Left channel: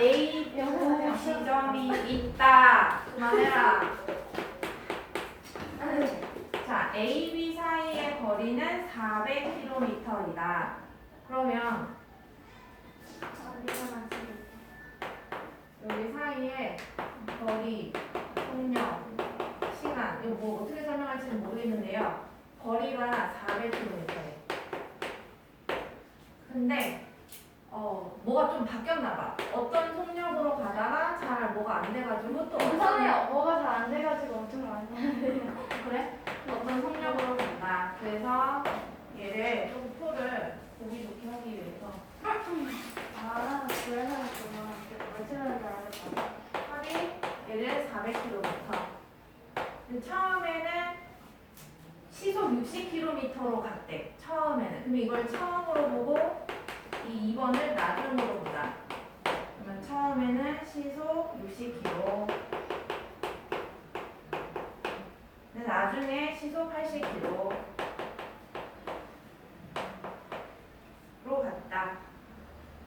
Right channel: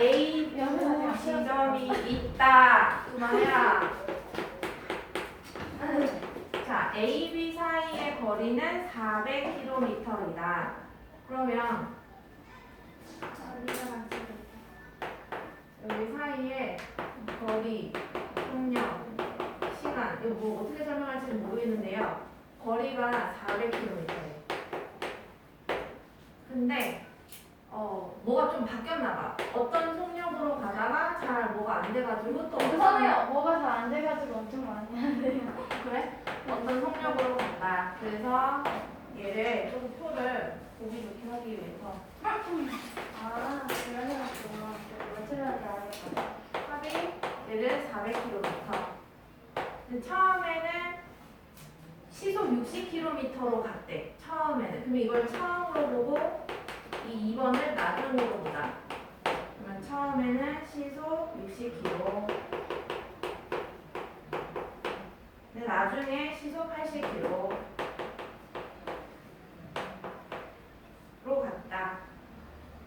A 부 지점이 있다. 그만해라. 자, A, B 사이의 거리는 400km이다. 그러면 여기 사이에 거리, 속력, 시간 이거 뭐 어떻게 설명할지는 모르겠는데요. 거리가 400km예요. 근데 뭐가 좀 바뀌었나 봐. 어떤 속력으로 가다가 잘 뭐가 안 돼가지고 또 우선해요. 뭐가 잘 안 돼가지고 엄청 많이 하는데요. 그래? 어떤 속력으로 간다. 그래서 얘를 조금 표를 보기 좋게 하기 위해서 아, 그래서 그만. 며칠 전에 알았다. 합이 얘를 400km. 처음에는 시속 60km로 갔대. 처음에는. 그럼 이걸 처음으로 보고 이 2번을 나중으로 보자. 그러면 처음에는 시속 60km. 근데 나중에 시속 80km로 갔다.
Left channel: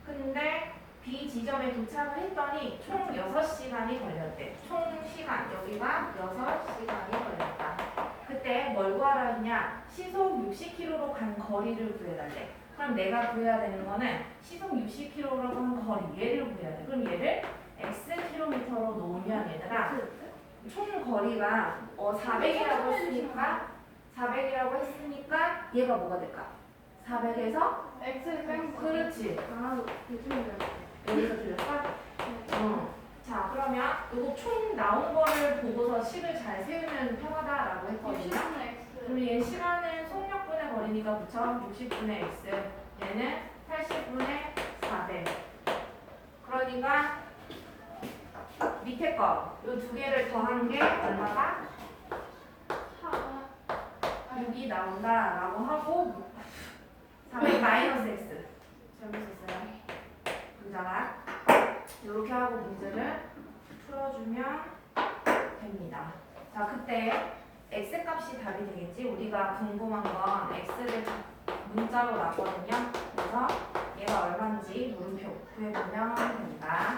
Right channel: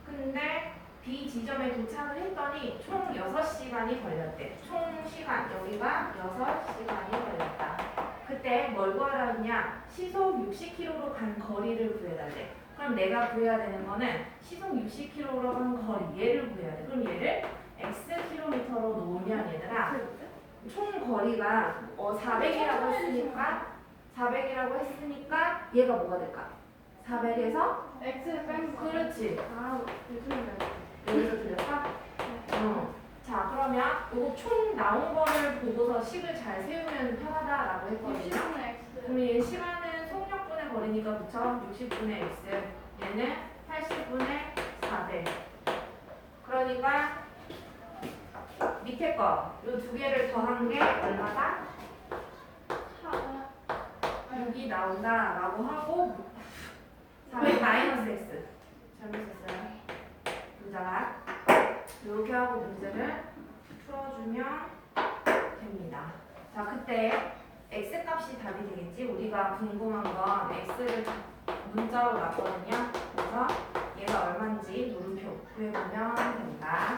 근데 B 지점에 도착을 했더니 총 6시간이 걸렸대. 총 시간 여기가 6시간이 걸렸다. 그때 뭘 구하라 했냐? 시속 60km로 간 거리를 구해달래. 그럼 내가 구해야 되는 거는 시속 60km로 간 거리 얘를 구해야 돼. 그럼 얘를 xkm로 놓으면 얘들아 총 거리가 400이라고 했으니까 얘가 뭐가 될까? 400에서 X를 뺀 거. 그렇지. 아, 요즘에 여기서 들렸다? 자, 그러면 이거 총 나온 거를 보고서 식을 잘 세우면 편하다라고 했거든요. 60분의 X. 그럼 얘 시간은 속력분의 거리니까 그쵸? 60분의 x. 얘는 80분의 400. 그러니까 밑에 거, 이 두 개를 더한 게 얼마다? 6이 나온다라고 하고 400 마이너스 x. 잘못했어요. 문자가 이렇게 하고 문제를 풀어주면 됩니다. 자, 그때 x 값이 답이 되겠지? 우리가 궁금한 건 x를 문자로 놨거든요. 그래서 얘가 얼마인지 물음표 구해보면 된다.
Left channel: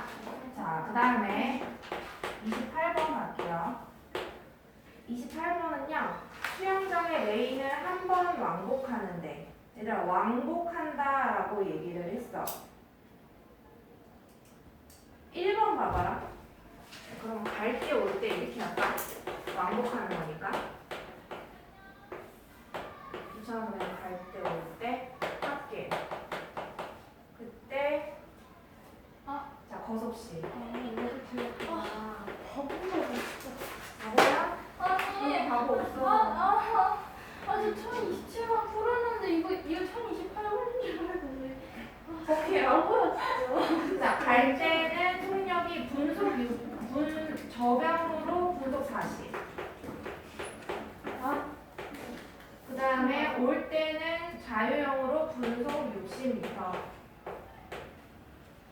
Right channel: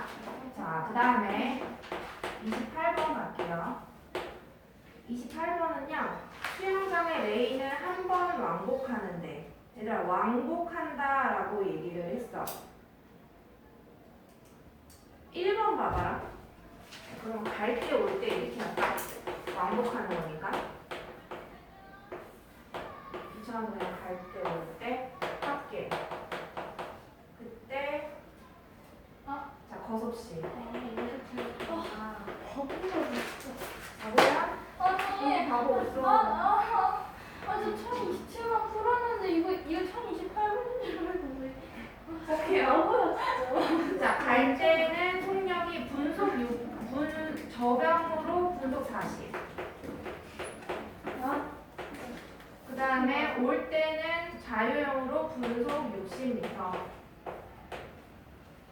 자, 그 다음에 28번 갈게요. 28번은요. 수영장의 레인을 한 번 왕복하는데 얘들아 왕복한다라고 얘기를 했어. 1번 봐봐라. 그럼 갈 때 올 때 이렇게 할까? 왕복하는 거니까. 이처럼 갈 때 올 때 할게. 그때 자 거섭씨. 바보야? 아니, 바보 없어. 저 1027번 풀었는데 이거 1028번인 줄 알고 왜? 오케이요. 바보야 진짜. 자, 갈 때는 속력이 저병으로 분속 40. 그 다음에 올 때는 자유형으로 분속 60m.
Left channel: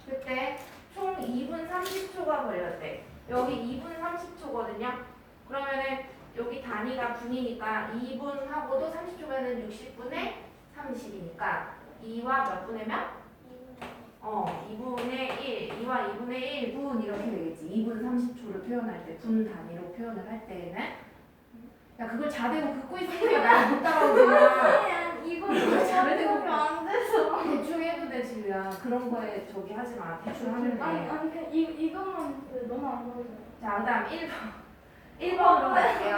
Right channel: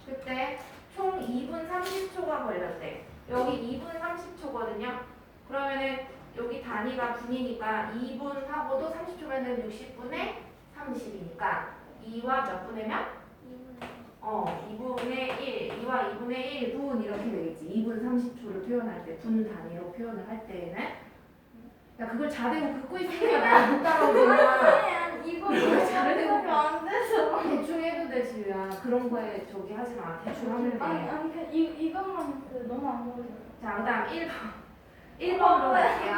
그때 총 2분 30초가 걸렸대. 여기 2분 30초거든요. 그러면은 여기 단위가 분이니까 2분하고도 30초면은 60분의 30이니까 2와 몇 분의 몇? 2분의 1, 2와 2분의 1분 이렇게 되겠지. 2분 30초를 표현할 때, 분 단위로 표현을 할 때에는 야 그걸 자대고 긋고 있으니까 날 못 따라오잖아. 이거 잘해도 보면 안 돼서. 대충 해도 돼 지우야. 그런 거에 저기 하지 마. 대충 하면 돼. 아니 이것만 했어요. 너무 안 보여요. 자, 그 다음 1번으로 갈게요.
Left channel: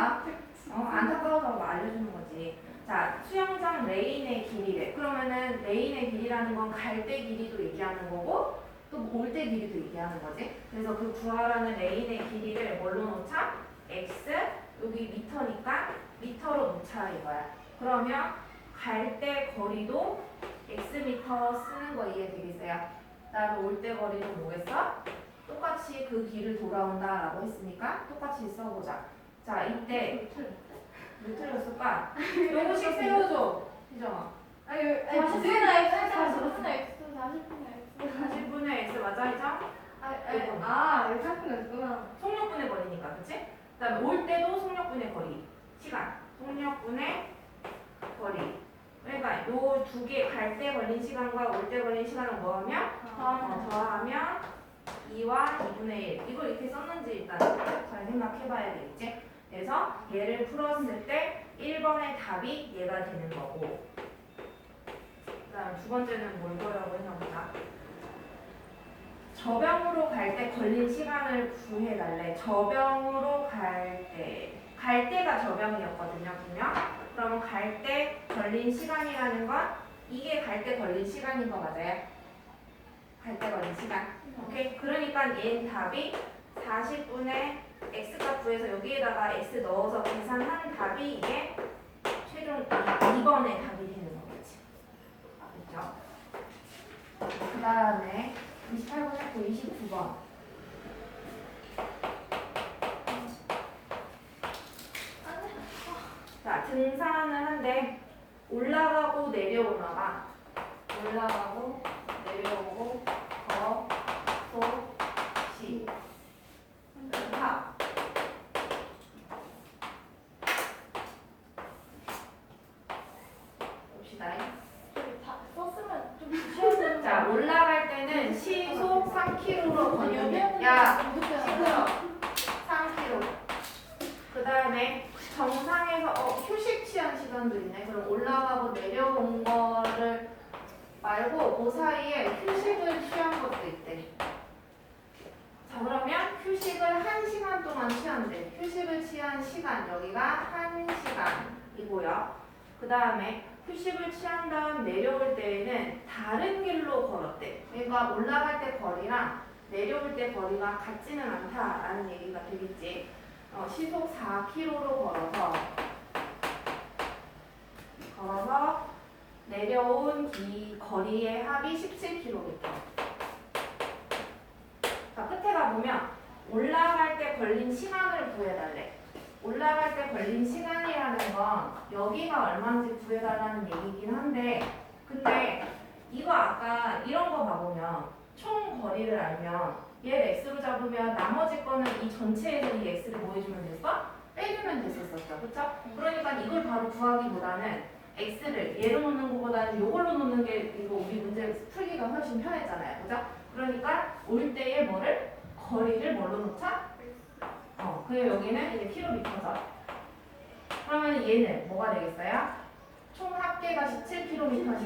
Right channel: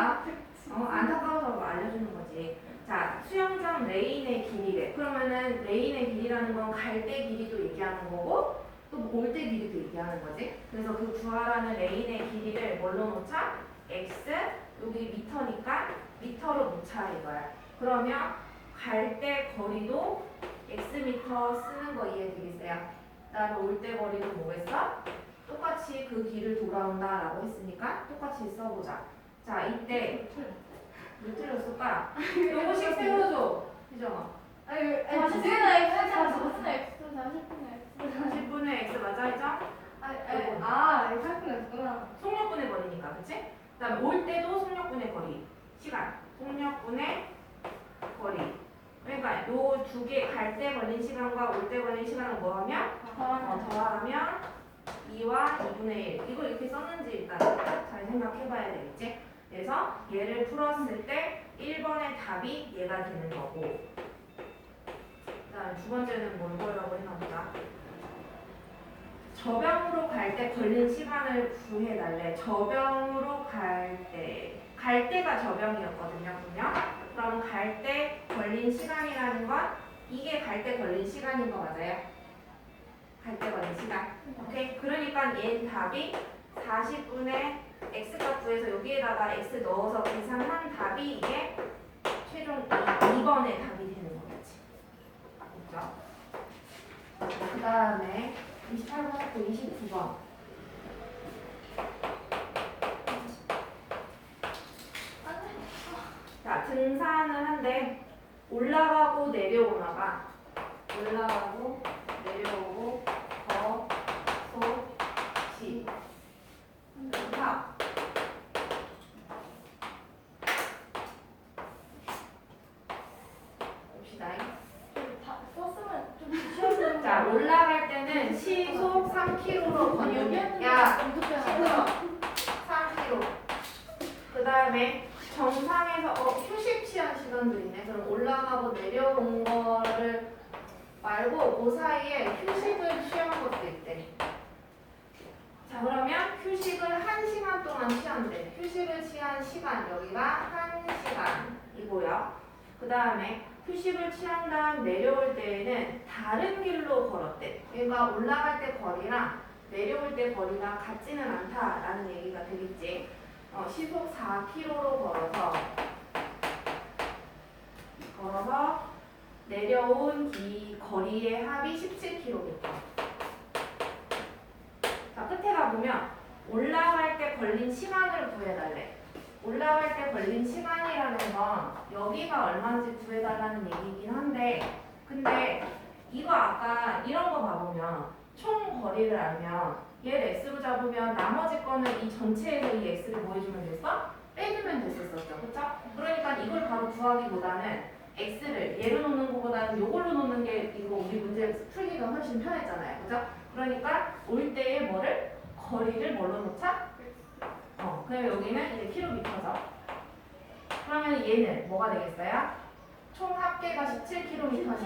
안타까워서 뭐 알려주는 거지. 자, 수영장 레인의 길이래. 그러면은 레인의 길이라는 건 갈 때 길이도 얘기하는 거고 또 올 때 길이도 얘기하는 거지. 그래서 그 구하라는 레인의 길이를 뭘로 놓자? x, 여기 미터니까 미터로 놓자 이거야. 그러면 갈 때 거리도 x 미터 쓰는 거 이해되겠어요? 그다음에 올 때 거리도 뭐겠어? 똑같이 그 길을 돌아온다라고 했으니까 똑같이 써보자. 자, 이때 왜 틀렸을까? 요거씩 세워줘. 그죠? 40분의 X, 40분의 X, 40분의 X. 40분의 x 맞아, 그죠? 40분의 X구나. 속력분의 거리니까, 그치? 그 다음에 올 때도 속력분의 거리. 시간. 속력분의 거리. 그러니까 요 두 개 갈 때 걸린 시간과 올 때 걸린 시간을 뭐하면? 더하면 2와 2분의 1. 이걸 이렇게 썼는지 일단 잘 생각해봐야 되겠지? 그래서 얘를 풀었을 때 1번의 답이 얘가 되는 거고, 그 다음 두 번째는 뭘 거라고 했나 보다. 저병으로 갈 때 걸린 시간을 구해달래. 저병으로 갈 때가 저병이었거든요, 분명. 그럼 갈 때 걸린 시간이라는 건 이게 갈 때 걸린 시간인 거 맞아요? 갈 때 걸린 시간. 오케이. 그러니까 얘 답이 40분의 x값 구해서 여기에다가 x 넣어서 계산한 답이 이게 최종 2번의 답이 되는 거겠지. 그렇죠? 그 다음에 28번 했고 29번. 자, 등산을 한데 올라가고 내려오나 봐. 올라가고 내려오고 거, 소, 시. 자, 봅시다. 다 썼으면 좀 쉬웠는데. 자, 올라갈 때는 시속 3km로 걷는. 야, 시끄러. 3km. 그 다음에 정상에서 휴식 취한 시간도 있네. 그럼 올라가고 내려온 거를 말고 그 사이에 휴식을 취한 것도 있대. 자, 그러면 휴식을 1시간 동안 취한대. 휴식을 취한 시간 여기가 1시간이고요. 그 다음에 휴식을 취한 다음 내려올 때에는 다른 길로 걸었대. 그러니까 올라갈 때 거리랑 내려올 때 거리가 같지는 않다라는 얘기가 되겠지. 시속 4km로 걸어서 내려온 이 거리의 합이 17km. 자, 끝에 가보면 올라갈 때 걸린 시간을 구해달래. 올라갈 때 걸린 시간이라는 건 여기가 얼마인지 구해달라는 얘기긴 한데, 근데 이거 아까 이런 거 봐보면 총 거리를 알면 얘를 x로 잡으면 나머지 거는 이 전체에서 이 x를 뭐 해주면 됐어? 빼주면 됐었었죠. 그쵸? 그러니까 이걸 바로 구하기보다는 x를 얘로 놓는 것보다는 요걸로 놓는 게 이거 우리 문제 풀기가 훨씬 편했잖아요. 그죠? 그러니까 올 때에 뭐를? 거리를 뭘로 놓자? 그럼 여기는 이제 킬로미터죠. 그러면 얘는 뭐가 되겠어요? 총 합계가 17km니까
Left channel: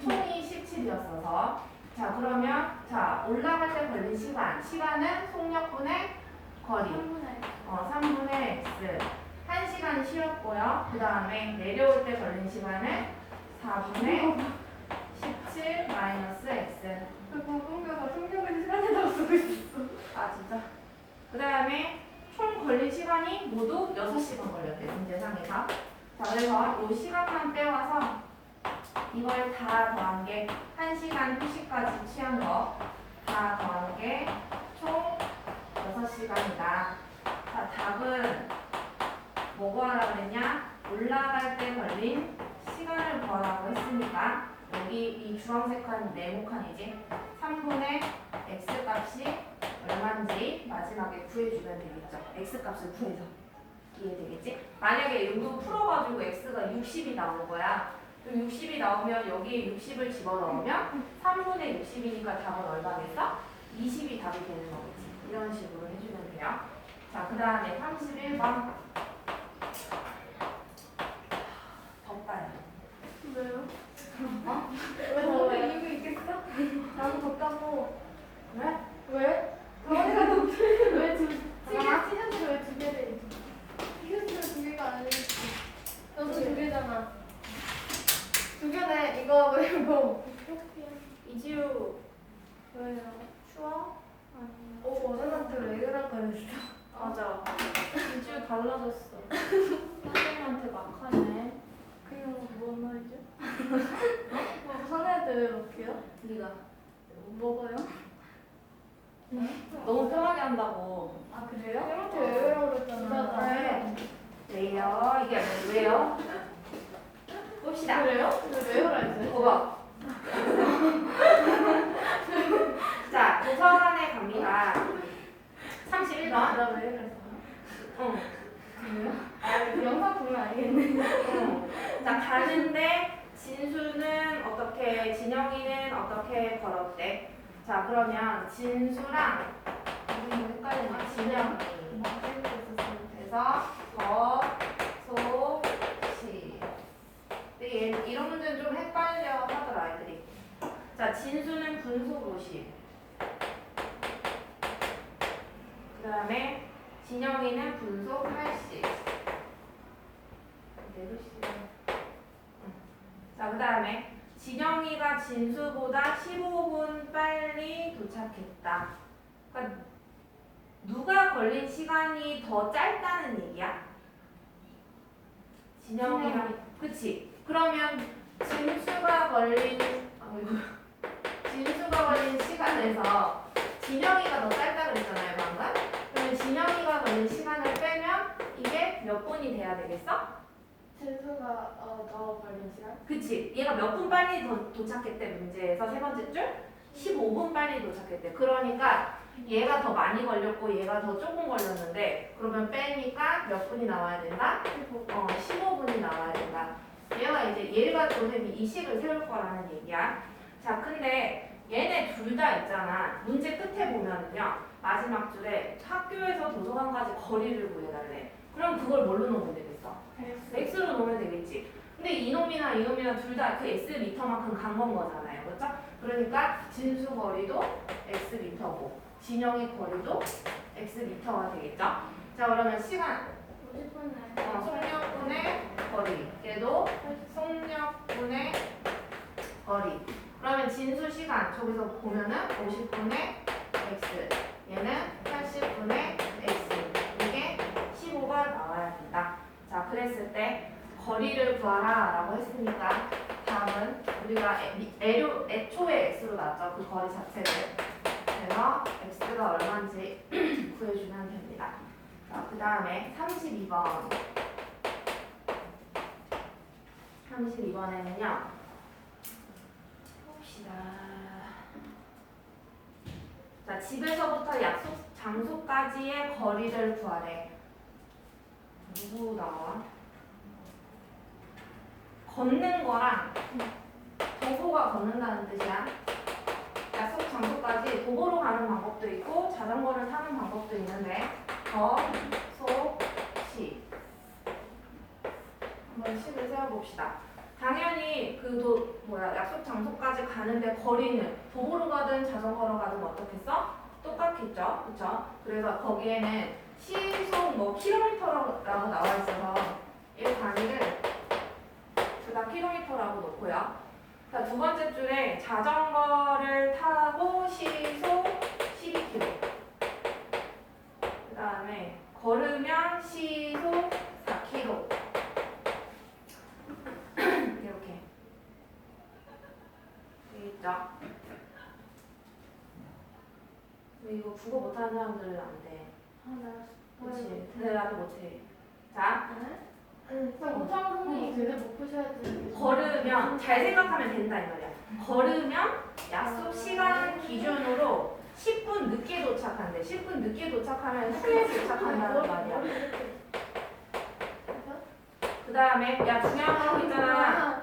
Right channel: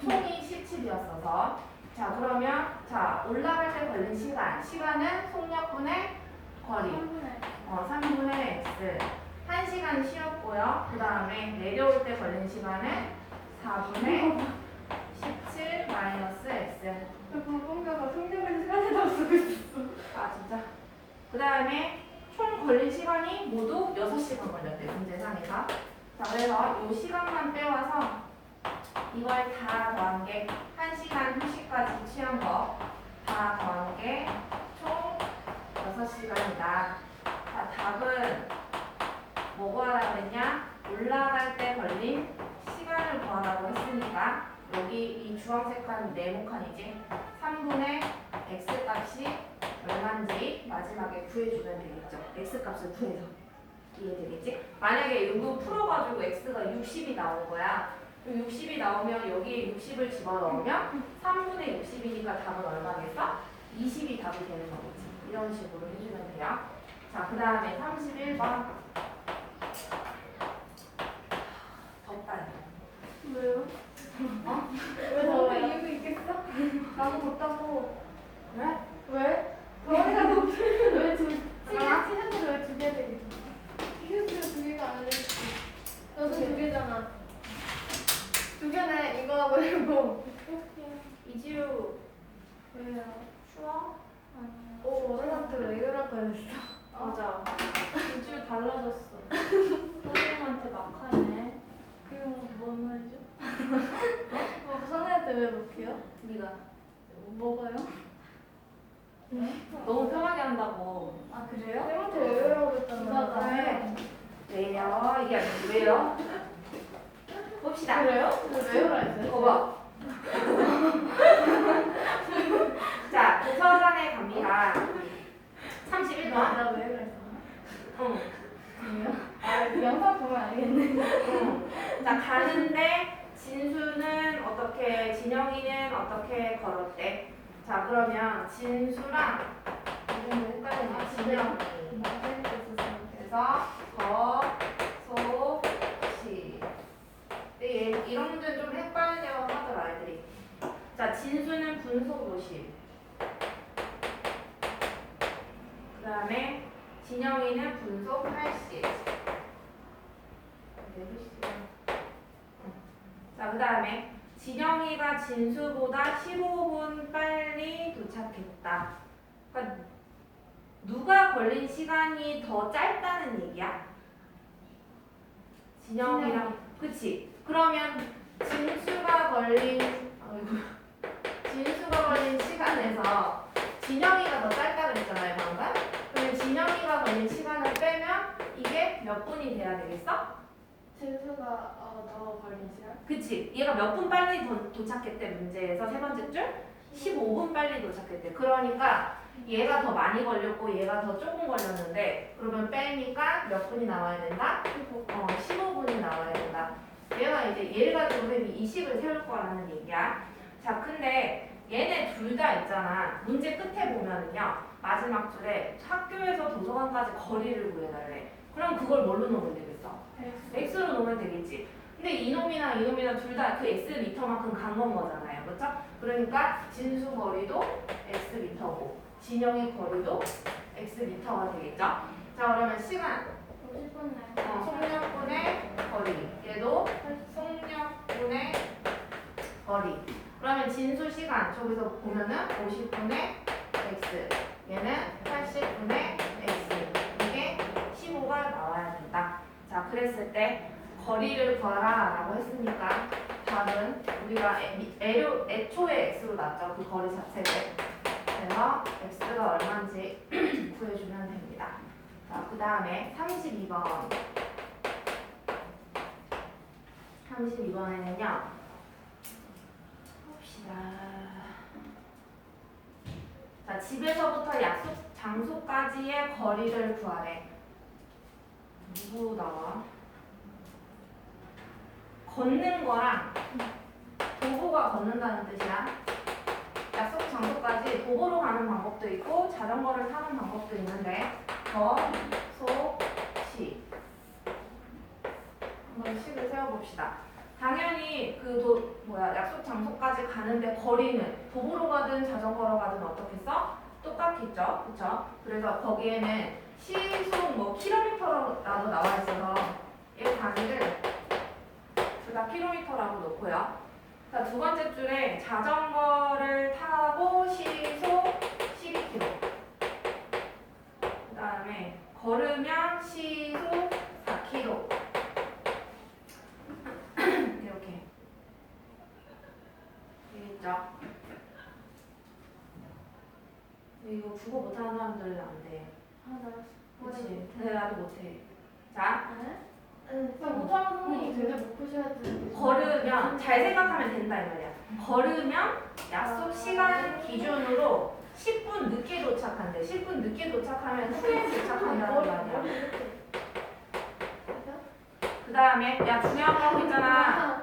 총이 17이었어서 자, 그러면 자 올라갈 때 걸린 시간은 속력분의 거리 3분의 x 1시간 쉬었고요. 그 다음에 내려올 때 걸린 시간은 4분의 17 마이너스 x. 공부가 성적은 시간이라고 쓰고 있었어. 아 진짜? 그 다음에 총 걸린 시간이 모두 6시간 걸렸대, 문제상에서. 자, 그래서 이 시간만 빼와서 이걸 다 더한 게 1시간 휴식까지 취한 거 다 더한 게 총 6시간이다. 자, 답은 뭐 구하라 그랬냐? 올라갈 때 걸린 시간을 구하라고 했으니까 여기 이 주황색한 네모칸이지? 3분의 x 값이 얼마인지 마지막에 구해주면 되겠죠. x 값을 구해서. 이해되겠지? 만약에 이거 풀어가지고 x가 60이 나온 거야. 60이 나오면 여기에 60을 집어넣으면 3분의 60이니까 답은 얼마겠어? 20이 답이 되는 거겠지. 이런 식으로 해주면 돼요. 자, 그 다음에 31번. 덥다. 왜요? 왜 더워요? 이유가 있겠어? 나도 덥다고. 왜? 왜? 더우니까 왜 티셔츠를 왜 두 개를 입어? 티셔츠를 두 개가 아니지. 너도 두 개잖아. 두 개네. 이거 말고. 이지우. 왜요? 추워? 아니야. 너한테 왜 그럴 거였어? 맞아. 이지우 달라졌어. 선생님한테 막 하네. 그럼 뭔 말이죠? 선생님한테 왜 못해요? 네가 뭐가요? 너무 편하게 한다고. 아 그래요? 쌤한테 왜 그러라고 그랬잖아. 왜? 왜요? 이게 아니고 왜요? 봅시다. 그래요? 왜 왜요라 했어요? 이거 봐. 자, 도서관에 갑니다. 31번. 나왜 그랬어? 응. 그래요? 아 영상 보면 알겠네. 응. 자, 가는데 진수는 어떻게, 진영이는 어떻게 걸었대? 자, 그러면 진수랑 이름이 헷갈리네. 진영이. 그래서 거, 소, 시. 근데 이런 문제는 좀 헷갈려 하더라, 아이들이. 자, 진수는 분속 50. 그 다음에 진영이는 분속 80. 자, 그 다음에 진영이가 진수보다 15분 빨리 도착했다. 그러니까 누가 걸린 시간이 더 짧다는 얘기야? 진영이랑, 그치? 그러면 진수가 걸린 시간에서 진영이가 더 짧다 그랬잖아요, 방금? 그러면 진영이가 걸린 시간을 빼면 이게 몇 분이 돼야 되겠어? 진수가 더 걸린 시간? 그치? 얘가 몇 분 빨리 도착했대, 문제에서 세 번째 줄? 15분 빨리 도착했대. 그러니까 얘가 더 많이 걸렸고 얘가 더 조금 걸렸는데 그러면 빼니까 몇 분이 나와야 된다? 15분이 나와야 된다. 얘가 이제 얘가 선생님이 이 식을 세울 거라는 얘기야. 자, 근데 얘네 둘 다 있잖아. 문제 끝에 보면은요. 마지막 줄에 학교에서 도서관까지 거리를 구해달래. 그럼 그걸 뭘로 넣으면 되겠어? x로 넣으면 되겠지. 근데 이놈이나 둘 다 그 x 미터만큼 간 건 거잖아요. 그렇죠? 그러니까 진수 거리도 x 미터고 진영의 거리도 x 미터가 되겠죠? 자, 그러면 시간 50분에 속력분의 거리 얘도 속력분의 거리. 그러면 진수 시간 저기서 보면은 50분의 x 얘는 80분의 x 이게 15가 나와야 된다. 자, 그랬을 때 거리를 구하라 라고 했으니까 답은 우리가 애초에 x로 놨죠. 그 거리 자체를. 그래서 x가 얼마인지 구해주면 됩니다. 자, 그 다음에 32번. 32번에는요. 봅시다. 자, 집에서부터 약속 장소까지의 거리를 구하래. 누구 나와? 걷는 거랑 도보가 걷는다는 뜻이야. 약속 장소까지 도보로 가는 방법도 있고 자전거를 타는 방법도 있는데 거, 소, 시. 한번 식을 세워봅시다. 당연히 약속 장소까지 가는데 거리는 도보로 가든 자전거로 가든 어떻겠어? 똑같겠죠? 그쵸? 그래서 거기에는 시속 킬로미터라고 나와 있어서 이 단위를 제가 킬로미터라고 놓고요. 자, 두 번째 줄에 자전거를 타고 시속 12km. 그 다음에 걸으면 시속 4km. 이렇게. 되겠죠? 이거 국어 못하는 사람들은 안 돼. 그치? 근데 나도 못해. 자, 못하는 선생님이 되게 못 푸셔야지. 걸으면 잘 생각하면 된다 이 말이야. 걸으면 약속 시간 기준으로 10분 늦게 도착한대. 10분 늦게 도착하면 후에 도착한다는 말이야. 그 다음에 중요한 거 있잖아.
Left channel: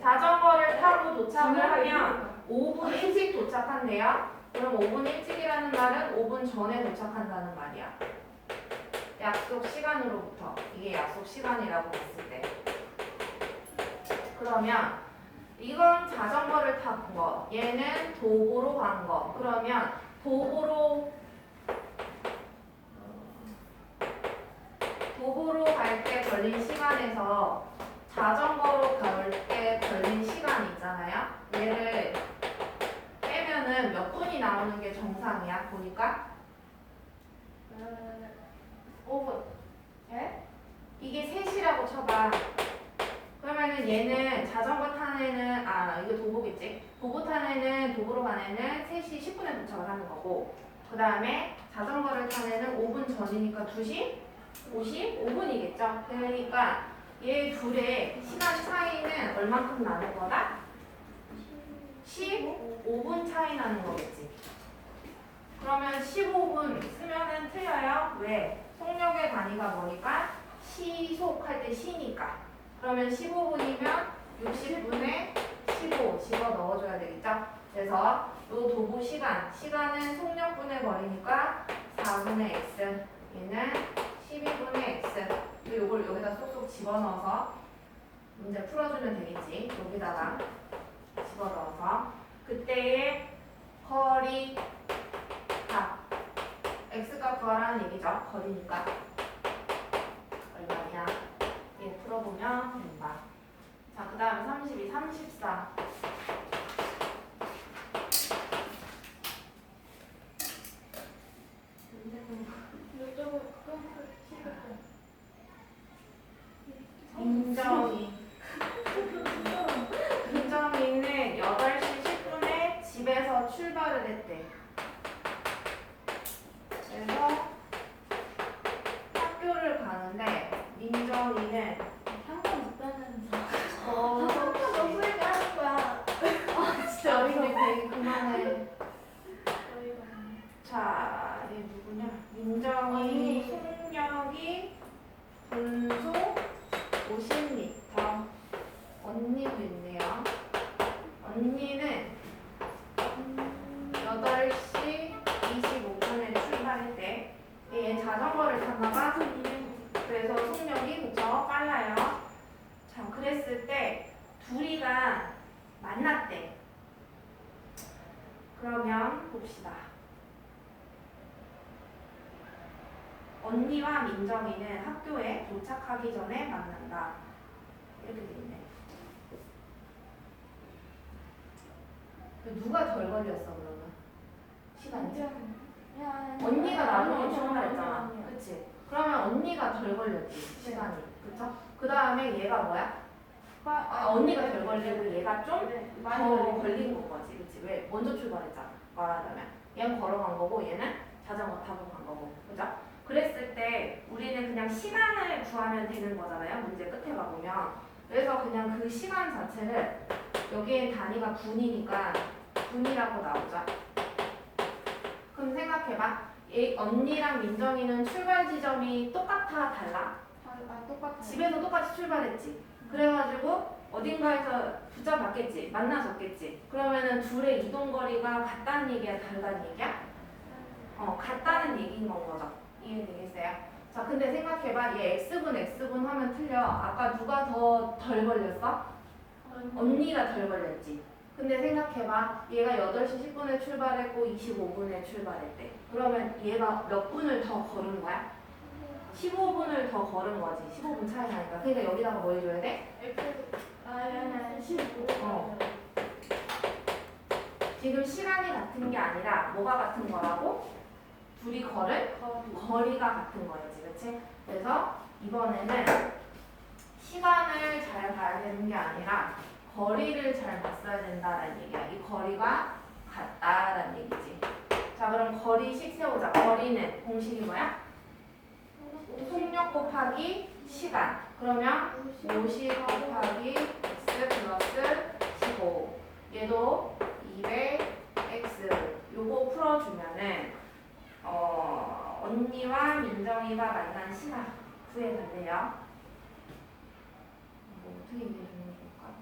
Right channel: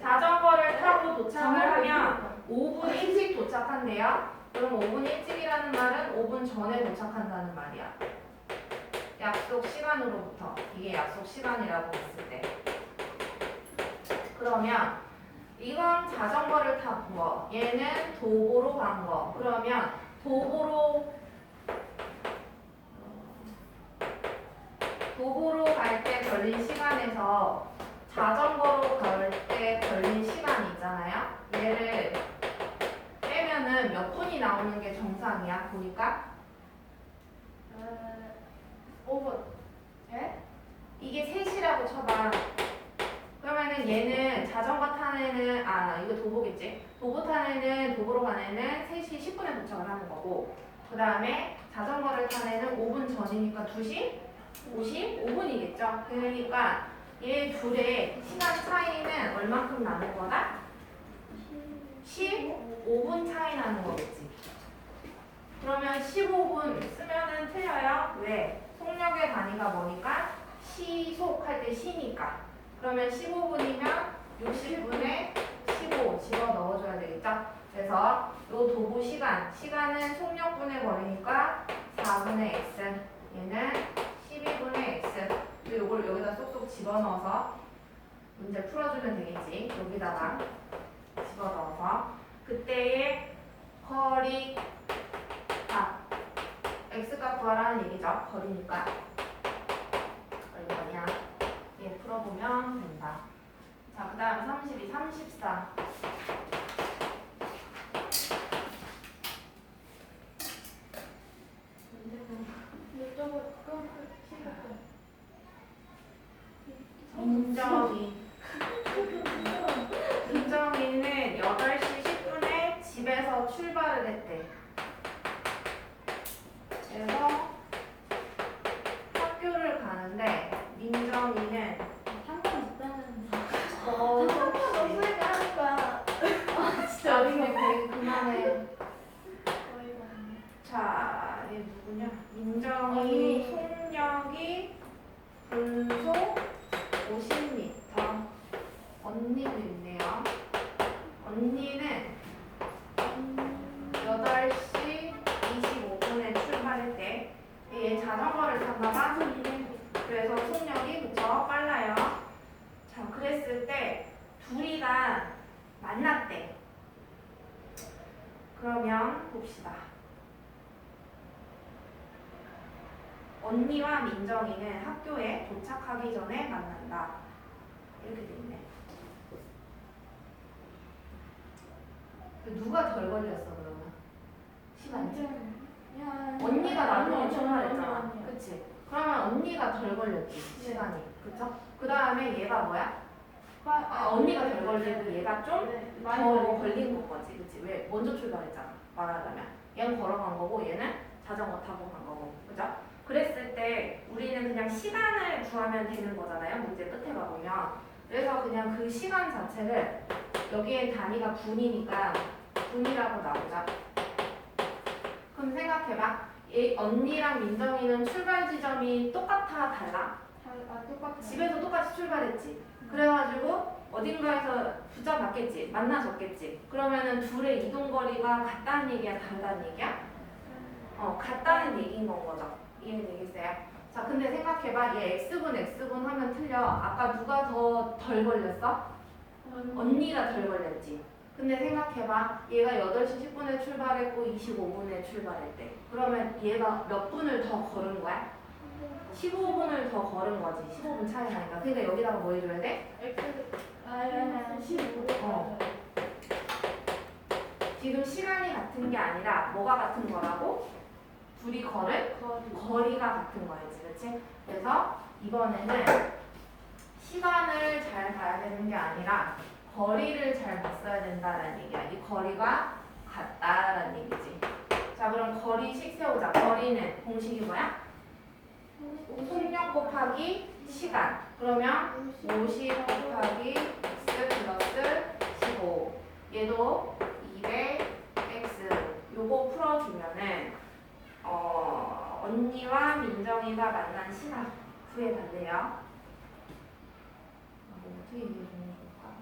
자전거를 타고 도착을 하면 5분 일찍 도착한대요. 그럼 5분 일찍이라는 말은 5분 전에 도착한다는 말이야. 약속 시간으로부터. 이게 약속 시간이라고 했을 때. 그러면 이건 자전거를 탄 거, 얘는 도보로 간 거. 그러면 도보로 갈 때 걸린 시간에서 자전거로 갈 때 걸린 시간 있잖아요. 얘를 빼면은 몇 분이 나오는 게 정상이야? 보니까 5분. 예? 이게 3시라고 쳐봐. 그러면은 얘는 자전거 탄 애는 이거 도보겠지? 도보 탄 애는 도보로 간 애는 3시 10분에 도착을 하는 거고 그 다음에 자전거를 탄 애는 5분 전이니까 2시 55분이겠죠? 그러니까 얘 둘의 시간 차이는 얼만큼 나는 거다? 15분 차이 나는 거겠지. 그러면 15분 쓰면은 틀려요. 왜? 속력의 단위가 뭐니까? 시속 할 때 시니까. 그러면 15분이면 60분에 15 집어 넣어줘야 되겠죠? 그래서 요 도보 시간은 속력분의 거리니까 4분의 x, 얘는 12분의 x. 그리고 이걸 여기다 쏙쏙 집어넣어서 문제 풀어주면 되겠지. 여기다가 집어넣어서 그때의 거리 값 x값 구하라는 얘기죠. 거리니까 얼마냐. 예, 풀어보면 된다. 자, 그 다음에 32, 34. 이쪽은 끈 민정이는 8시 10분에 집에서 출발을 했대. 그래서 학교를 가는데 민정이는 한번 있다는 어, 너무 얘기하는 거야. 진짜 어린이 그 그만해. 어이가 없네. 자, 얘 누구냐? 민정이 속력이 분속 50m. 언니도 있네요. 언니는 8시 25분에 출발했대. 얘 자전거를 탔나봐. 그래서 속력이 그쵸? 빨라요. 자, 그랬을 때 둘이가 만났대. 그러면 봅시다. 언니와 민정이는 학교에 도착하기 전에 만난다. 이렇게 돼 있네. 누가 덜 걸렸어 그러면? 시간이? 언니가 나중에 출발했잖아. 그치? 그러면 언니가 덜 걸렸지 시간이. 그쵸? 그 다음에 얘가 뭐야? 언니가 덜 걸리고 얘가 좀 더 걸린 거지. 그치? 왜? 먼저 출발했잖아. 말하자면. 얘는 걸어간 거고 얘는 자전거 타고 간 거고. 그죠? 그랬을 때 우리는 그냥 시간을 구하면 되는 거잖아요. 문제 끝에 가보면. 그래서 그냥 그 시간 자체를 여기엔 단위가 분이니까 분이라고 나오죠. 그럼 생각해봐. 언니랑 민정이는 출발 지점이 똑같아 달라? 똑같아. 집에서 똑같이 출발했지. 그래가지고 어딘가에서 붙잡았겠지. 만나셨겠지. 그러면은 둘의 이동 거리가 같다는 얘기야, 다르다는 얘기야? 같다는 얘기인 건 거죠. 이해되겠어요? 자, 근데 생각해봐. 얘 x분 하면 틀려. 아까 누가 더 덜 걸렸어? 언니가 덜 걸렸지. 근데 생각해봐. 얘가 8시 10분에 출발했고 25분에 출발했대. 그러면 얘가 몇 분을 더 걸은 거야? 15분을 더 걸은 거지. 15분 차이 나니까. 그러니까 여기다가 뭐 해줘야 돼? 아니 15. 지금 시간이 같은 게 아니라 뭐가 같은 거라고? 둘이 걸은 거리가 같은 거야지. 그치? 그래서 이번에는 시간을 잘 봐야 되는 게 아니라 거리를 잘 봤어야 된다는 얘기야. 이 거리가 같다라는 얘기지. 자, 그럼 거리식 세우자. 거리는 공식이 뭐야? 속력 곱하기 시간. 그러면 50 곱하기 x 플러스 15. 얘도 200x. 요거 풀어주면은 언니와 민정이가 만난 시간 구해달래요. 어떻게 얘기해주면 좋을까?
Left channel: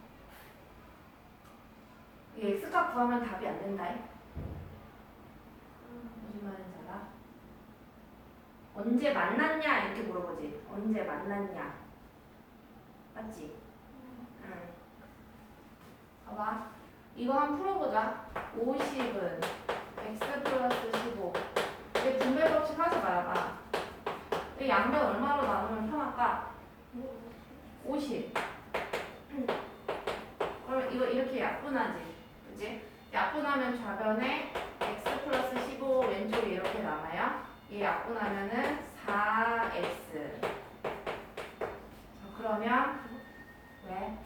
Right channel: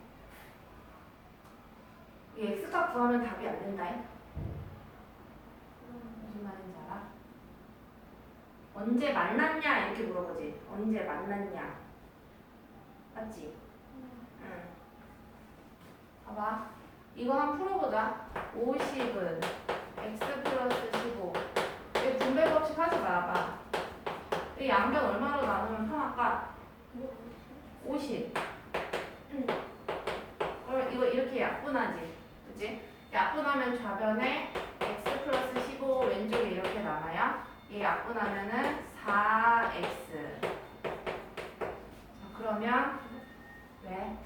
이 x값 구하면 답이 안 된다. 무슨 말인지 알아? 언제 만났냐 이렇게 물어보지. 언제 만났냐. 맞지? 응. 봐봐. 이거 한번 풀어보자. 50은 x 플러스 15. 왜 분배법칙 하지 말아봐. 이 양변 얼마로 나누면 편할까? 50. 그럼 이거 이렇게 약분하지. 그치? 약분하면 좌변에 x 플러스 15 왼쪽에 이렇게 남아요. 이 약분하면은 4x. 그러면 왜?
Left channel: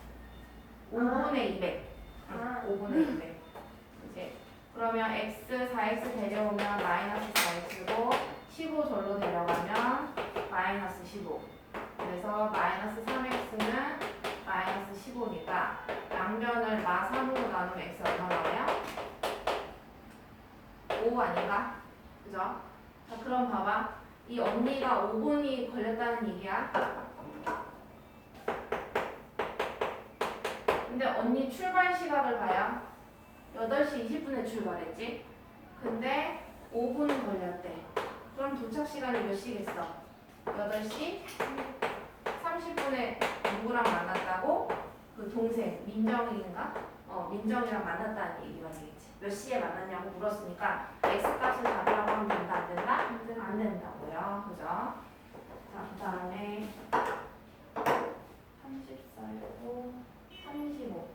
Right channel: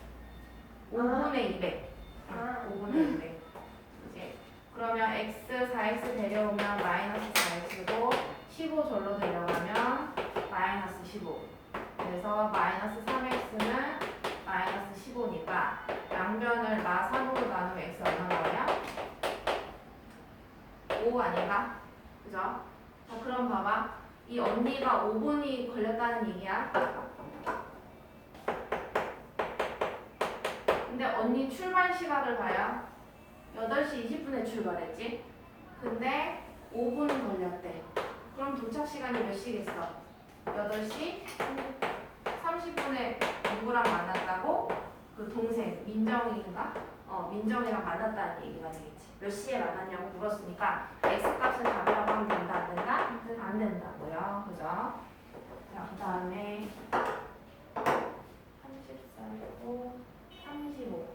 5분의 200. 5분의 200. 그치? 그러면 x 4x 데려오면 마이너스 4x고 15 절로 데려가면 마이너스 15. 그래서 마이너스 3x는 마이너스 15니까 양변을 마3으로 나누면 x 얼마 나와요? 5 아닌가? 그죠? 자, 그럼 봐봐. 이 언니가 5분이 걸렸다는 얘기야. 근데 언니 출발 시각을 봐요. 8시 20분에 출발했지? 근데 5분 걸렸대. 그럼 도착 시간이 몇 시겠어? 8시 30분에 누구랑 만났다고? 그 동생 민정이인가? 민정이랑 만났다는 얘기가 되겠지. 몇 시에 만났냐고 물었으니까 X값을 잡으라고 하면 된다 안 된다? 안 된다고요. 그죠? 자, 그 다음에 34고 35.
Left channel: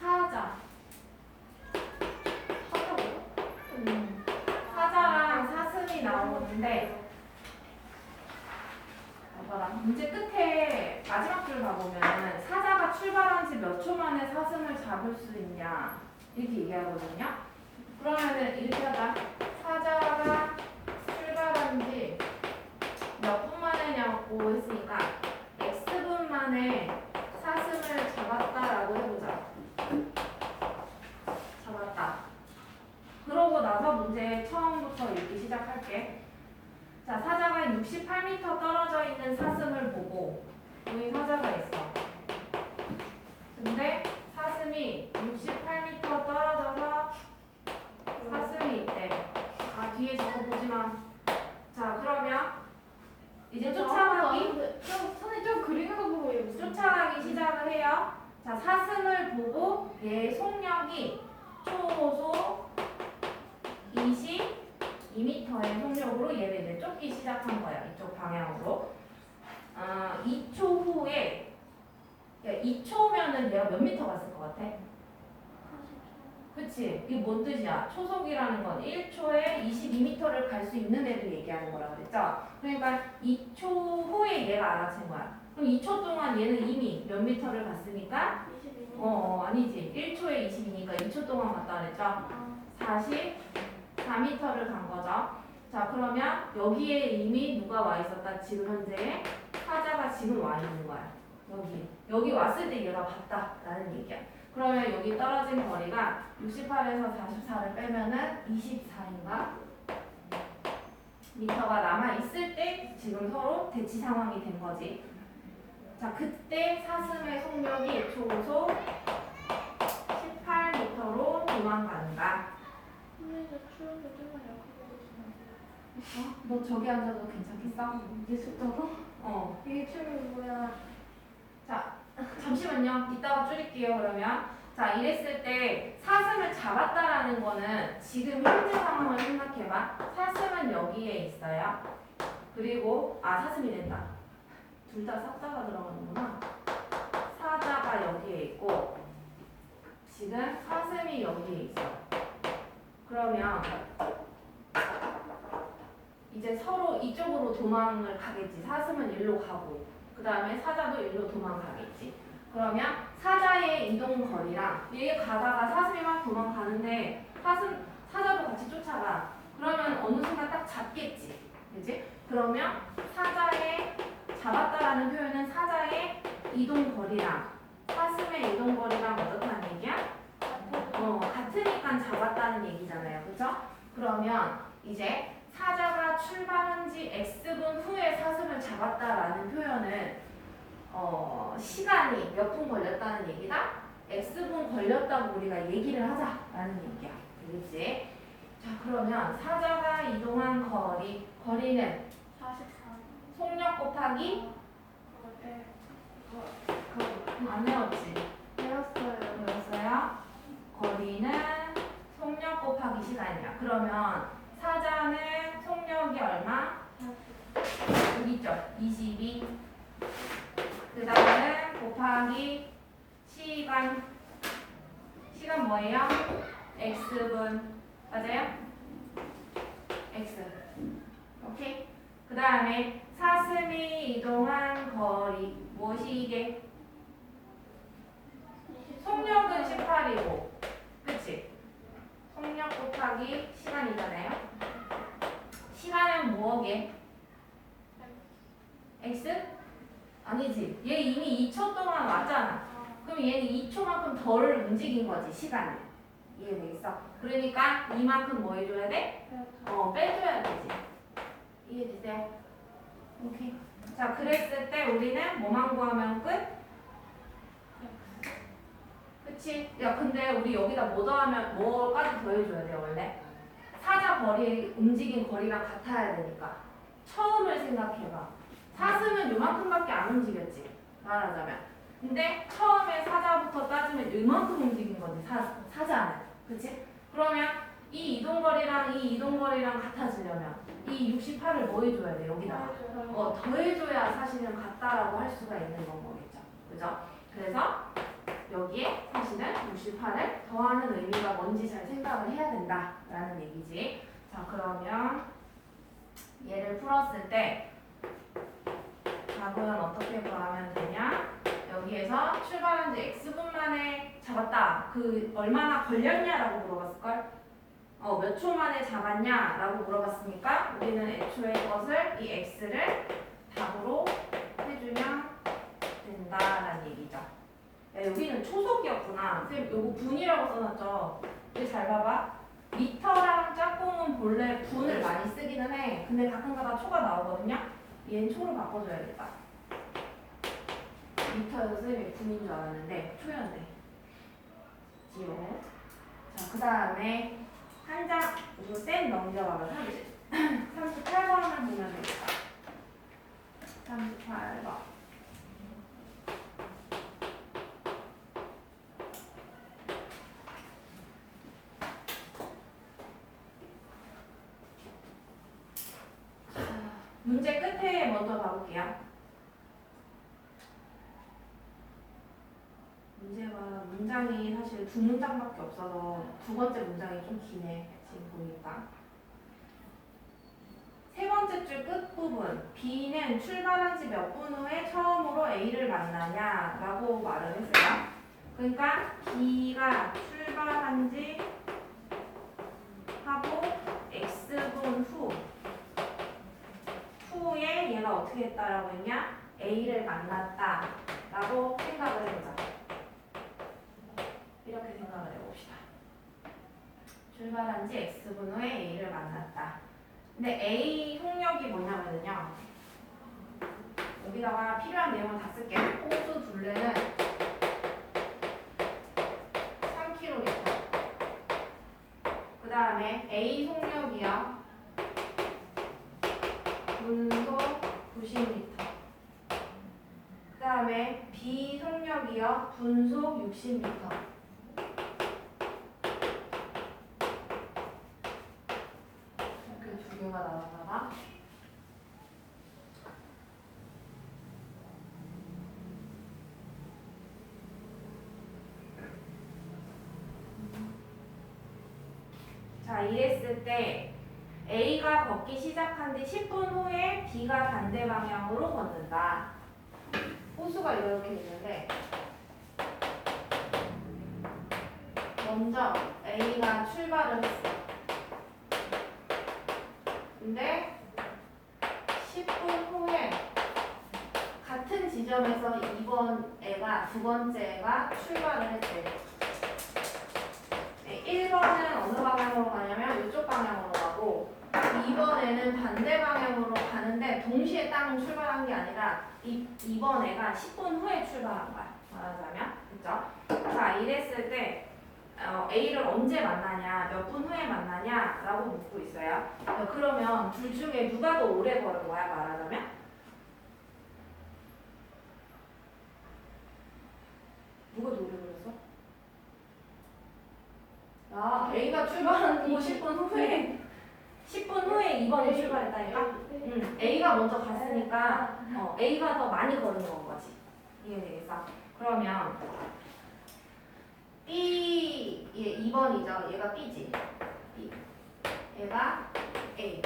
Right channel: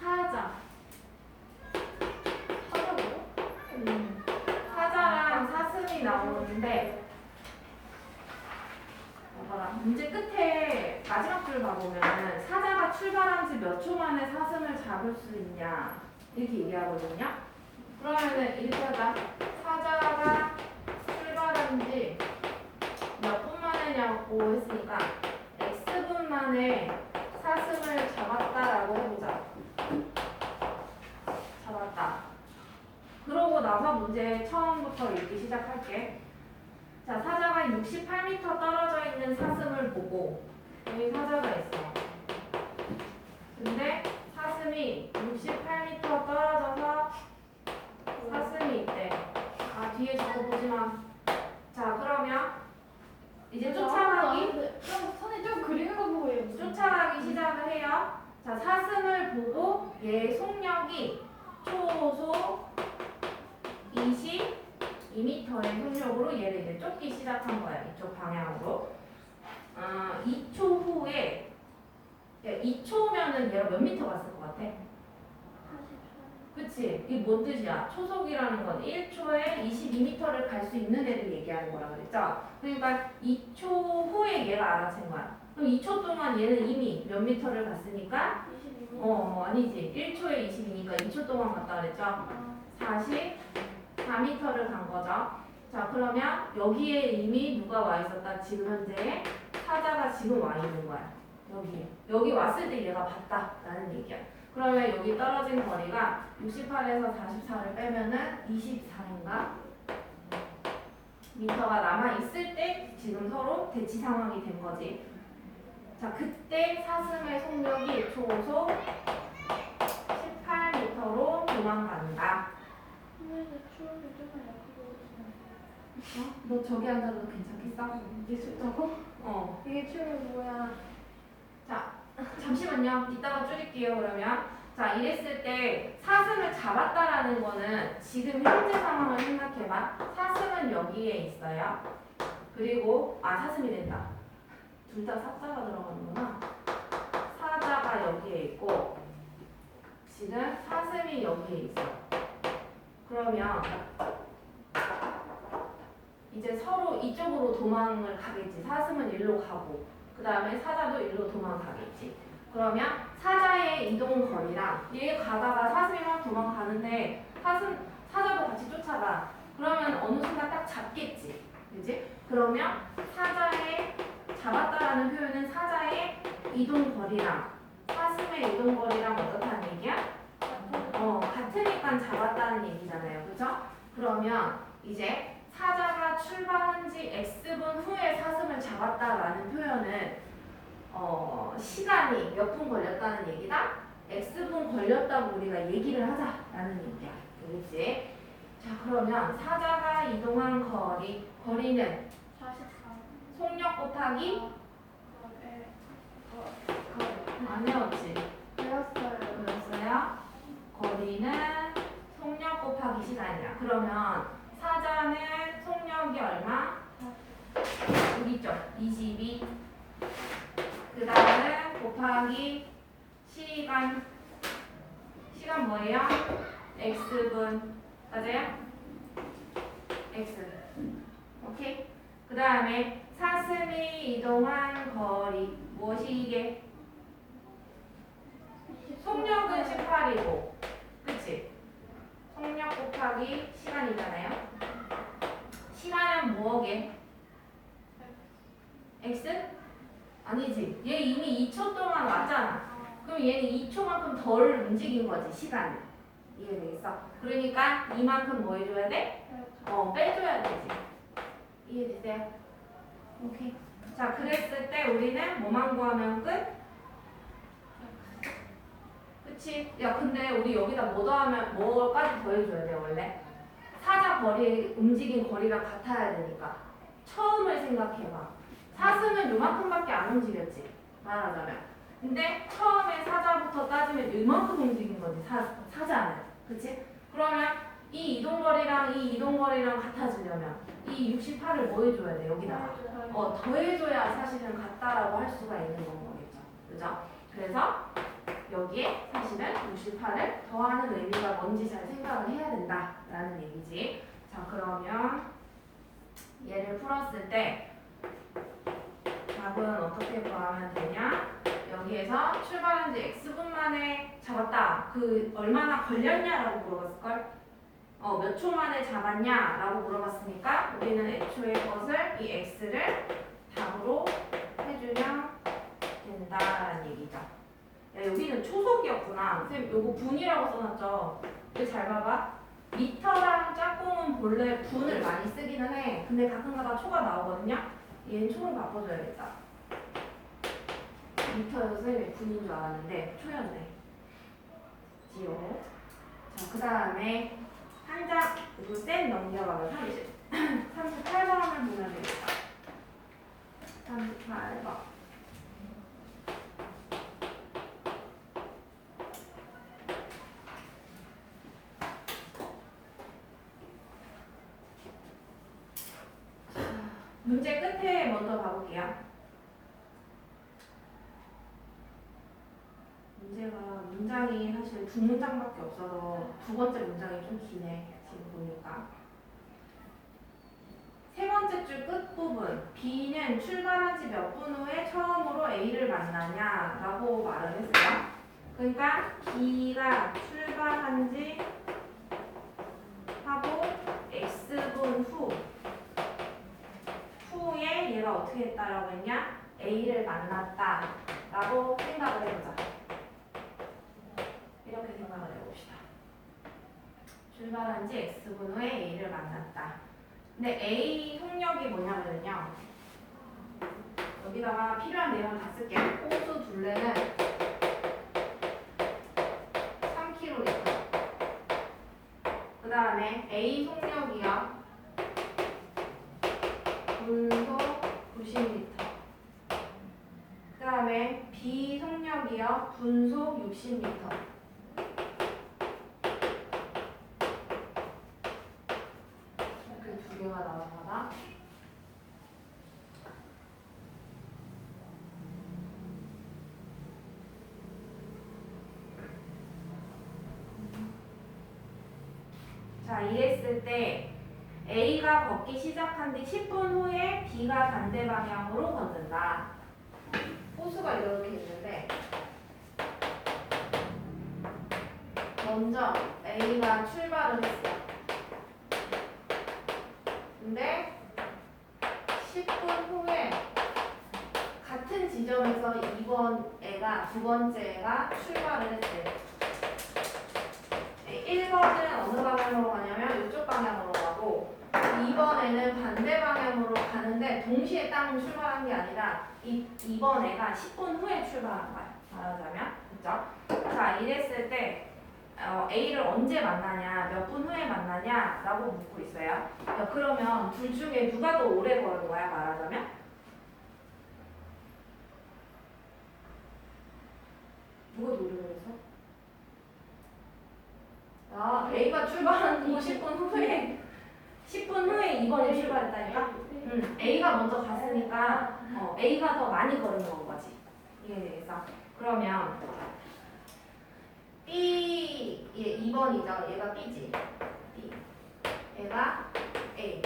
사자. 하자고요? 사자랑 사슴이 나오는데 봐라. 문제 끝에 마지막 줄 봐보면 사자가 출발한 지 몇 초 만에 사슴을 잡을 수 있냐 이렇게 얘기하거든요. 그러면은 이렇게 하자. 사자가 출발한 지 몇 분 만에냐고 했으니까 X분 만에 사슴을 잡았다라고 해보자. 잡았다. 그러고 나서 문제 처음부터 읽기 시작할게. 자, 사자가 68m 떨어져 있는 사슴을 보고 여기 사자가 있어. 근데 사슴이 68m 떨어져서 사슴이 있대. 아, 뒤에 저거 보지 마. 자, 그러면 이제 쫓아가기 선생님 좀 그리는 거 보고 해요. 쫓아가기 시작을 해요. 자, 사슴을 보고 얘 속력이 초속 22m의 속력으로 얘를 이제 쫓기 시작한 거야. 이쪽 방향으로. 2초 후에 2초면은 얘가 몇 미터 갔을 것 같아? 그치? 이게 뭔 뜻이야? 초속이라는 건 1초에 22m를 갈 수 있는 애를 얘기하는 거라 그랬죠? 그러니까 2초 후에 얘가 알아챈 거야. 그럼 2초 동안 얘는 이미 몇 미터를 갔으니까? 22m. 아니지. 1초에 22니까 2초 동안 갔다 그랬죠? 44m를 간 거죠. 자, 그러면 여기에 이미 누가 와 있었다? 지금 현재 사자가 지금 와 있는 거야. 여기 왔을 때 얘가 봤다라는 얘기야. 그러면 여기 떨어진 거리가 68에서 44를 빼면은 24인가? 미터가 남아 있을 때 지금 서로 대치 상황이 된 거지. 자, 그때 사슴의 속력이 초속 18m로 도망간다. 선생님 추억이 좀만 약하게 있어요. 너 저기 앉아도 괜찮겠어? 이게 좋다고? 어. 이게 추억이 뭐야? 자, 잠시만요. 이따가 줄일게요, 그러면. 자, 이랬을 때 사슴을 잡았다라는 거는 지금 현재 상황을 생각해봐. 사슴은 여기에 있어요. 그리고, 사슴이 된다. 둘 다 삭자가 들어가는구나. 사자가 여기에 있고, 지금 사슴이 여기에 있어. 그러면, 이제 서로 이쪽으로 도망을 가겠지. 사슴은 일로 가고, 그 다음에 사자도 일로 도망가겠지. 그러면 사자의 이동 거리랑 얘 가다가 사슴이 막 도망가는데 사자도 같이 쫓아가. 그러면 어느 순간 딱 잡겠지. 그지? 그러면 사자의 잡았다라는 표현은 사자의 이동 거리랑 사슴의 이동 거리랑 어떻다는 얘기야? 같으니까 잡았다는 얘기잖아요. 그죠? 그러면 이제 사자가 출발한 지 X분 후에 사슴을 잡았다라는 표현은 시간이 몇 분 걸렸다는 얘기다? X분 걸렸다고 우리가 얘기를 하자라는 얘기야. 알겠지? 자, 그러면 사자가 이동한 거리는 44. 속력 곱하기 안 외웠지? 외웠어요? 거리는 속력 곱하기 시간이야. 그러면 사자는 속력이 얼마? 여기 있죠? 22. 그 다음에 곱하기 시간 뭐예요? X분 맞아요? X 오케이? 그 다음에 사슴이 이동한 거리 무엇이게? 속력은 18이고 그치? 속력 곱하기 시간이잖아요. 시간은 뭐게? X? 아니지. 얘 이미 2초 동안 왔잖아. 그럼 얘는 2초만큼 더 덜 움직인 거지 시간이. 이해되겠어? 그러니까 이만큼 뭐 해줘야 돼? 빼줘야 되지. 이해되세요? 오케이. 자, 그랬을 때 우리는 뭐만 구하면 끝? 그치? 야, 근데 우리 여기다 뭐 더하면 뭐까지 더해줘야 돼 원래? 사자 거리 움직인 거리랑 같아야 되니까. 처음을 생각해봐. 사슴은 요만큼밖에 안 움직였지. 말하자면. 근데 처음에 사자부터 따지면 요만큼 움직인 거지. 사자는. 그치? 그러면 이 이동거리랑 이 이동거리랑 같아지려면 이 68을 뭐 해줘야 돼? 여기다가. 더해줘야 사실은 같다라고 할 수가 있는 건 거겠죠. 그죠? 그래서 여기에 사실은 68을 더하는 의미가 뭔지 잘 생각을 해야 된다라는 얘기지. 자, 그러면 얘를 풀었을 때 답은 어떻게 구하면 되냐? 여기에서 출발한 지 x분 만에 잡았다. 그 얼마나 걸렸냐라고 물어봤을걸? 몇 초 만에 잡았냐라고 물어봤으니까 우리는 애초에 것을 이 x를 답으로 해주면 된다라는 얘기죠. 야, 여기는 초속이었구나. 선생님 요거 분이라고 써놨죠? 근데 잘 봐봐. 미터랑 짝꿍은 본래 분을 많이 쓰기는 해. 근데 가끔가다 초가 나오거든요. 얘는 초로 바꿔줘야겠다. 미터여서 선생님이 분인 줄 알았는데 초였네. 지워. 자, 그 다음에 한 장, 이거 쌤 넘겨가면 38번을 보면 되겠다. 38번. 문제 끝에 먼저 봐볼게요. 문제가 문장이 사실 두 문장밖에 없어서 두 번째 문장이 좀 기네. 지금 보니까. 세 번째 줄 끝부분. B는 출발한 지 몇 분 후에 처음으로 A를 만나냐라고 말을 했어요. 그러니까 B가 출발한 지 하고 X분 후에 얘가 어떻게 했다라고 했냐? A를 만났다라고 생각을 해보자. 이렇게 생각을 해봅시다. 출발한 지 X분 후에 A를 만났다. 근데 A 속력이 뭐냐면요. 여기다가 필요한 내용을 다 쓸게요. 호수 둘레는 3km. 그 다음에 A 속력이요. 분속 90m. 그 다음에 B 속력이요. 분속 60m. 이렇게 두 개가 나왔나 봐. 자, 이랬을 때 A가 걷기 시작한 뒤 10분 후에 B가 반대 방향으로 걷는다. 호수가 이렇게 있는데 먼저 A가 출발을 했어. 근데 10분 후에 같은 지점에서 2번 애가 두 번째 애가 출발을 했대. 1번은 어느 방향으로 가냐면 이쪽 방향으로 가고 2번에는 반대 방향으로 가는데 동시에 땅 출발한 게 아니라 2번 애가 10분 후에 출발한 거야. 말하자면. 그죠? 자, 이랬을 때 A를 언제 만나냐, 몇 분 후에 만나냐 라고 묻고 있어요. 그러면 둘 중에 누가 더 오래 걸은 거야, 말하자면? 누가 더 오래 걸었어? 아, A가 출발한 후 10분 후에 10분 후에 2번이 출발했다니까? A가 먼저 갔으니까 A가 더 많이 걸은 건 거지. 이해되겠어? 그러면 B, 얘 2번이죠. 얘가 B지. B. 얘가 A.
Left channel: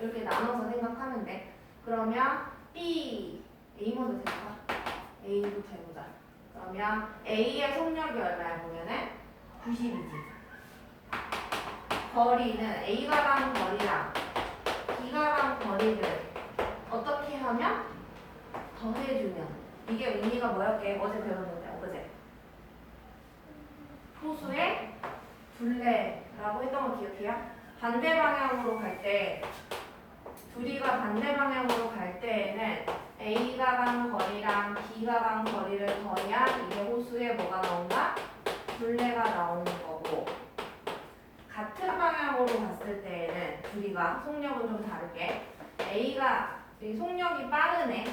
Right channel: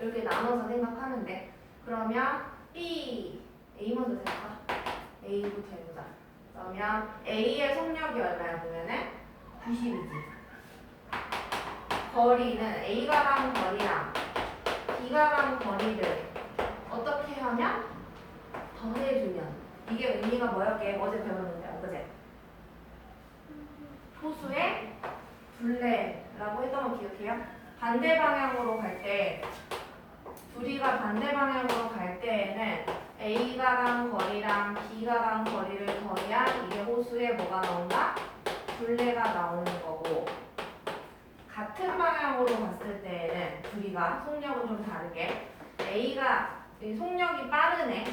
이렇게 나눠서 생각하면 돼. 그러면 B, A 먼저 될까? A부터 해보자. 그러면 A의 속력이 얼마야 보면은 90이지. 거리는 A가 가는 거리랑 B가 가는 거리를 어떻게 하면? 더해주면. 이게 의미가 뭐였게? 어제 배웠는데, 그제? 호수의 둘레라고 했던 거 기억해요? 반대 방향으로 갈 때, 둘이가 반대 방향으로 갈 때에는 A가 간 거리랑 B가 간 거리를 더해야 이게 호수에 뭐가 나온다? 둘레가 나오는 거고, 같은 방향으로 갔을 때에는 둘이가 속력은 좀 다르게 A가 이 속력이 빠르네.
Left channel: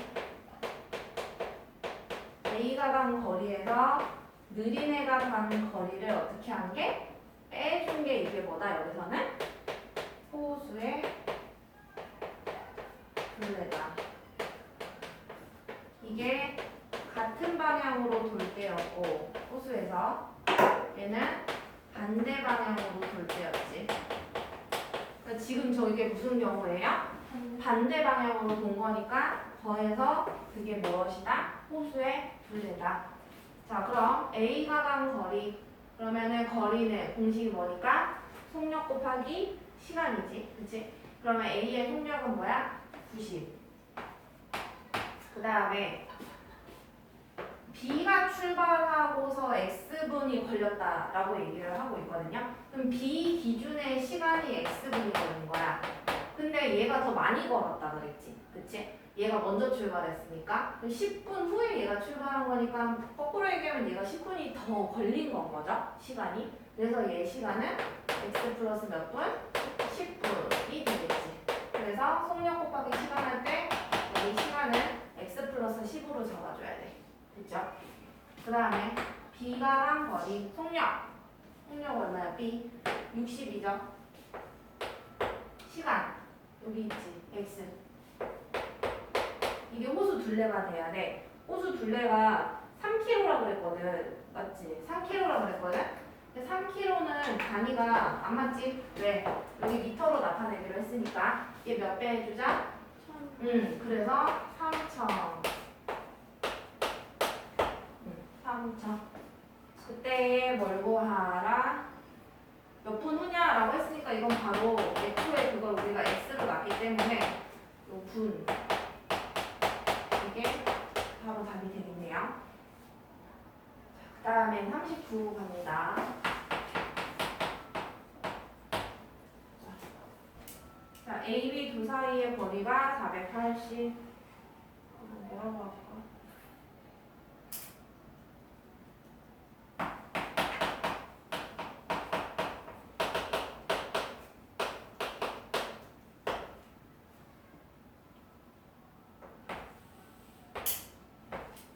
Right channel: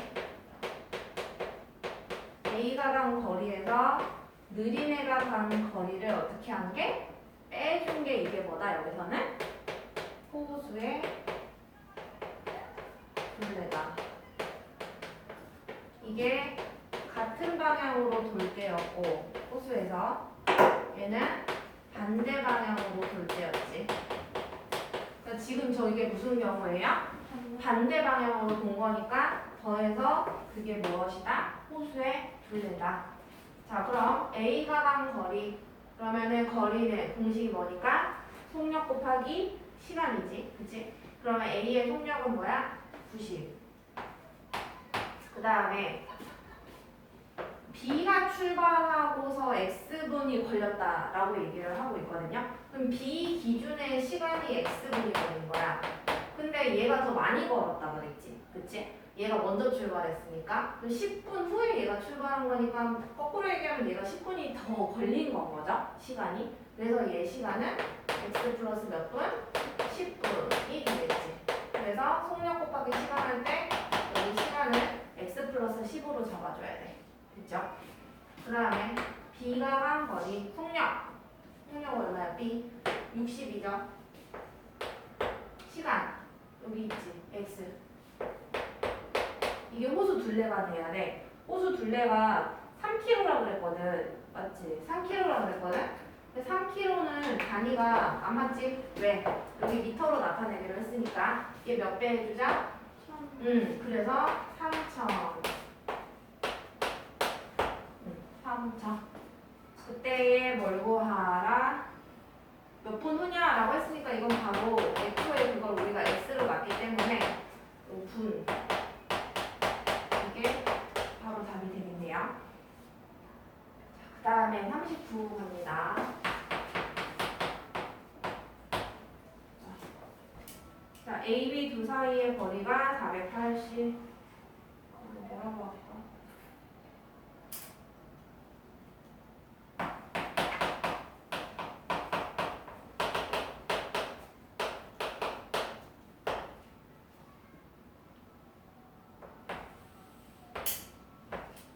A가 간 거리에서 느린 애가 간 거리를 어떻게 한 게? 빼준 게 이게 뭐다? 여기서는 호수의 둘레다. 이게 같은 방향으로 돌 때였고 호수에서 얘는 반대 방향으로 돌 때였지. 그러니까 지금 저게 무슨 경우예요? 반대 방향으로 본 거니까 더해서 그게 무엇이다? 호수의 둘레다. 자, 그럼 A가 간 거리 그러면은 거리는 공식이 뭐니까? 속력 곱하기 시간이지, 그치? 그러면 A의 속력은 뭐야? 90. 그 다음에 B가 출발하고서 X분이 걸렸다라고 얘기를 하고 있거든요. 그럼 B 기준의 시간이 X분이 걸린 거야. 근데 얘가 더 많이 걸었다 그랬지, 그치? 얘가 먼저 출발했으니까 그럼 10분 후에 얘가 출발한 거니까 거꾸로 얘기하면 얘가 10분이 더 걸린 건 거죠, 시간이. 그래서 얘 시간은 X 플러스 몇 분? 10분이 되겠지. 그래서 속력 곱하기 시간 할 때 이 시간은 X 플러스 10으로 잡아줘야 돼. 됐죠? 그 다음에 B가 간 거리 속력 얼마야? B 60이죠. 시간 여기 있지, X. 이게 호수 둘레가 돼야 돼. 호수 둘레가 3km라고 그랬거든. 맞지? 3km라고 그랬거든? 근데 3km는 단위가 안 맞지? 왜? 여기 미터로 나타내기로 했으니까 얘 몇 배 해주자? 그래서 3,000. 3,000. 그때에 뭘 구하라? 몇 분 후냐라고 했으니까 이건 바로 애초에 그걸 우리가 x로 맞기 때문에 요 분. 이게 바로 답이 되겠네요. 그 다음에 39 갑니다. 자, A, B 두 사이의 거리가 480. 뭐라고 할까?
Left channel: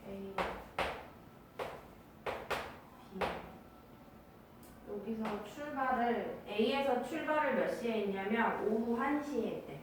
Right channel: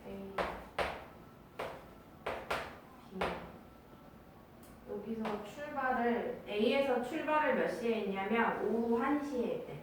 A, B. 여기서 출발을 A에서 출발을 몇 시에 했냐면 오후 1시에 했대.